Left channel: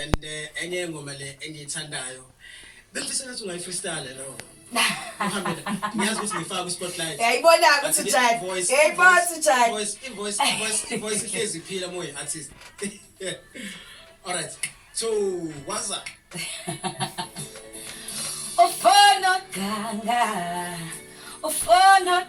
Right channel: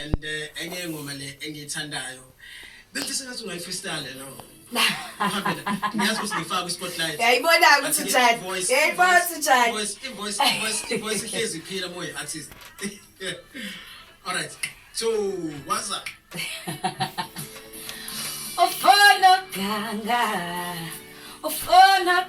and enye ngoma le engiyithandayo bese sengathi ungayifreestyle no ngiyazi ukuthi ngifaka ku-spotlight yayibona ukuthi njani yayibona ukuthi njani voice ihlezi iphila moya artist all right so what's up Ufona ganga ufona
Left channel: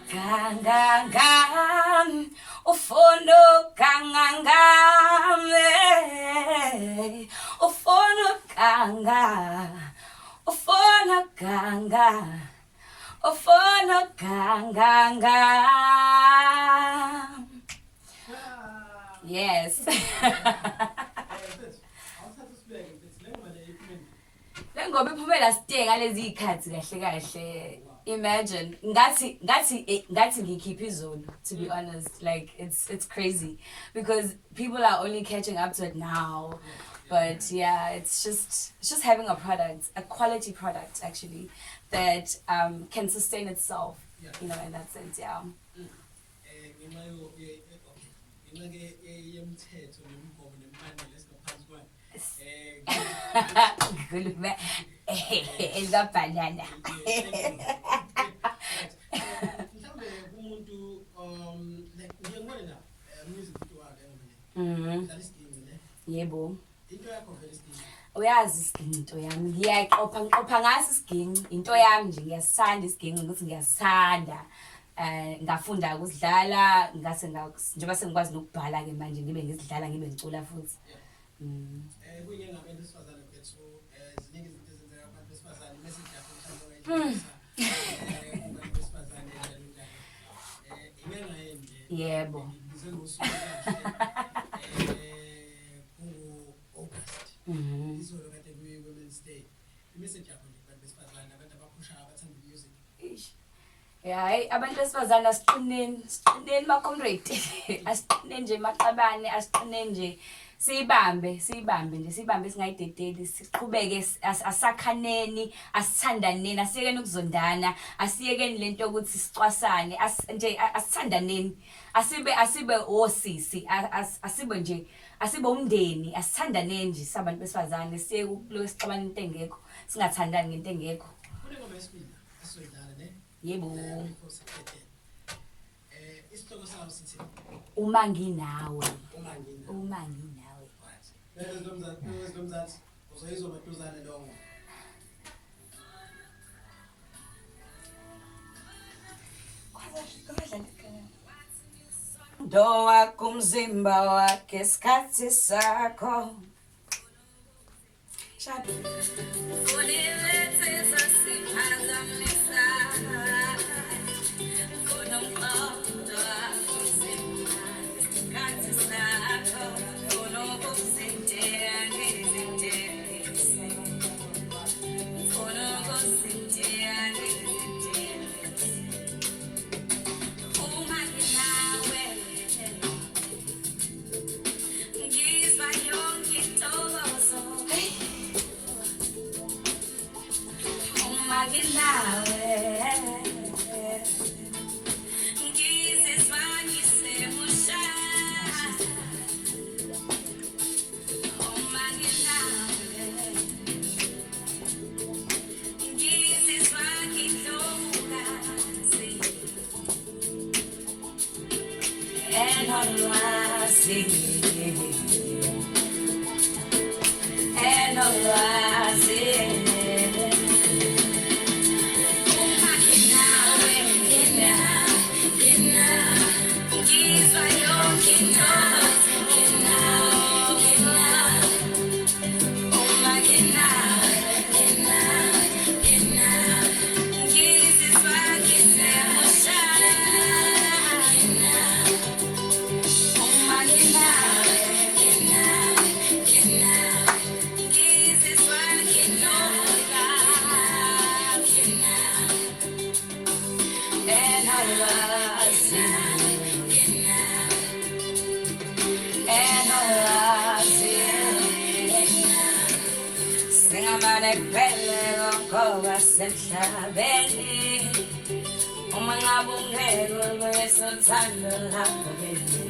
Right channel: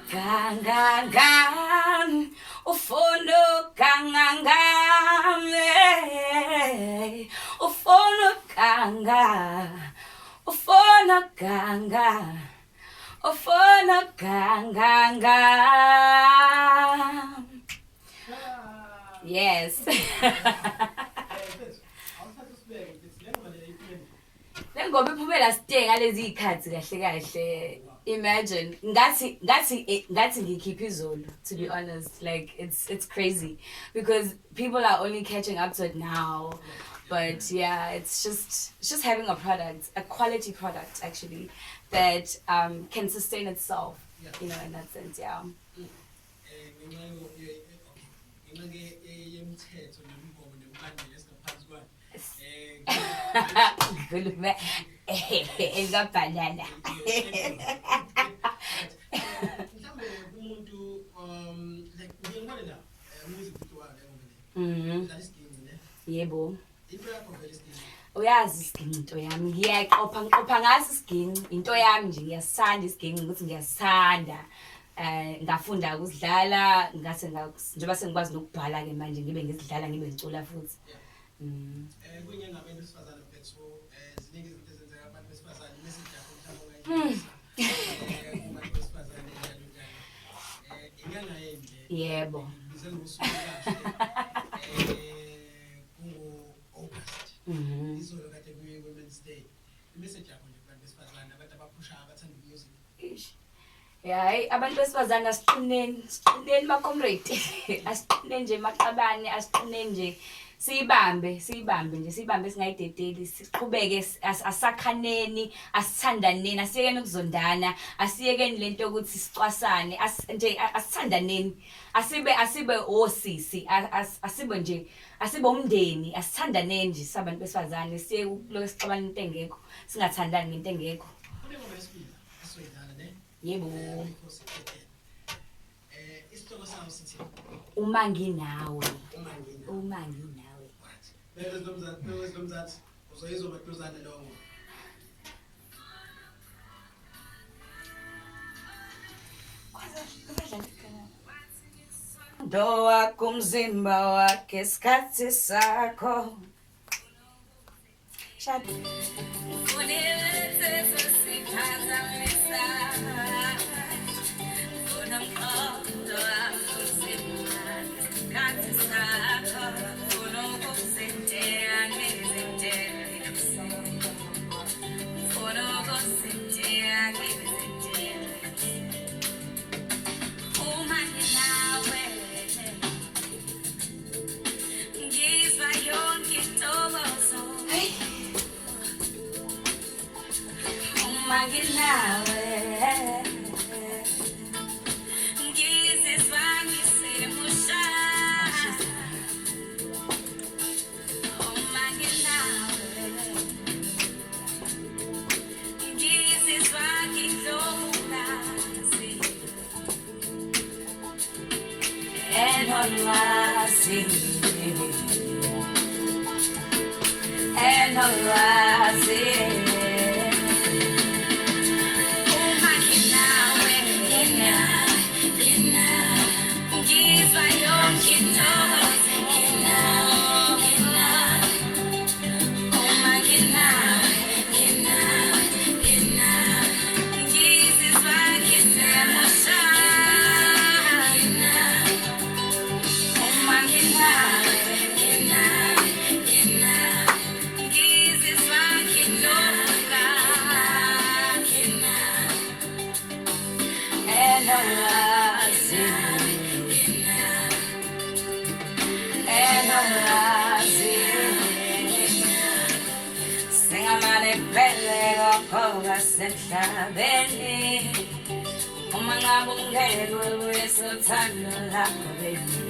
ufona ganga yes Lengoba iphumela siteka lezi ikhathi kahle kahle imagine ngathi ngikhipha izolo to be honest like it's crazy because people are only catching up to it now but yeah it's just having a quality product actually that can sustain itself you know in that sense yeah Ngulume banana umuntu like ngiyabona la music video la yebo into yakho vele isigini uyazi isigini into yami ngiqopha ngaso isigini into yami nje ngiyasithanda isigini ukuthi ngiyasithanda ngafunda ukudlala ngase njengoba sengikwazi nokubhala ke manje ngibe ngizidlala ngibe ngicula futhi kunye ngabantu besifazane bethu ziningi izinto ezenzeka abantu besifazane message yakho mhlawumbe kubantu besifazane njalo inyanga yende yebo ngizelusuku August izolo kade kuye Women's Day message yakho nje kubantu besifazane abantu abaphusha abathanda music hayi abantu besifazane asiqineni ma comrade asiqine nje maqabane asiqine nje sibambe singayidedeli siqhubeke asakhaneni asithandaneni asiyekeni ukuzondana asiyekeni lento ukuthi sicwasane nje asithandaneni asibe osisi asibe umndeni asithandaneni nje sabantu besifazane siye kulo sixabana into engekho singathandani ngento engekho kunengoma yesibili esizoyidlala ne yebo isihloko sawo sithi uma nginawe Lomzansi uzoyizwa maduzane lowo Ndoa kumzimba wake skati sako Shabu Unilete sasipaza misa Kuna mkondo wa kumzimba skati sako Kuna mkosentea nizentea Kuna mkosentea nizentea Umani nawe Ngizwa yonke intokozo Umani nawe Ngizizwa ngisemusha Umani nawe Ngizizwa ngidlokazi Lwazi Lwazi uma nginawe ngizwa yonke intokozo uma nginawe ngizizwa ngisemusha Senhlabeni uma ngabe ungene kwesothando lakho baby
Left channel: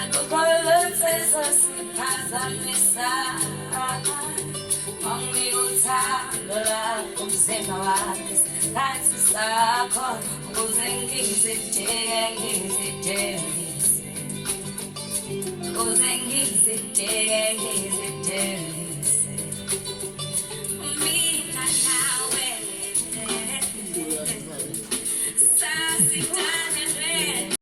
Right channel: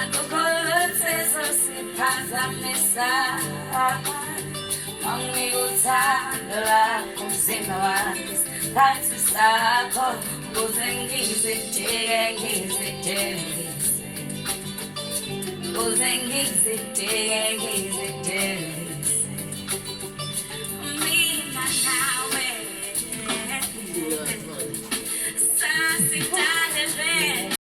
akukho lutho esiphazamisa ngesikhathi sakho ukuze ngizidele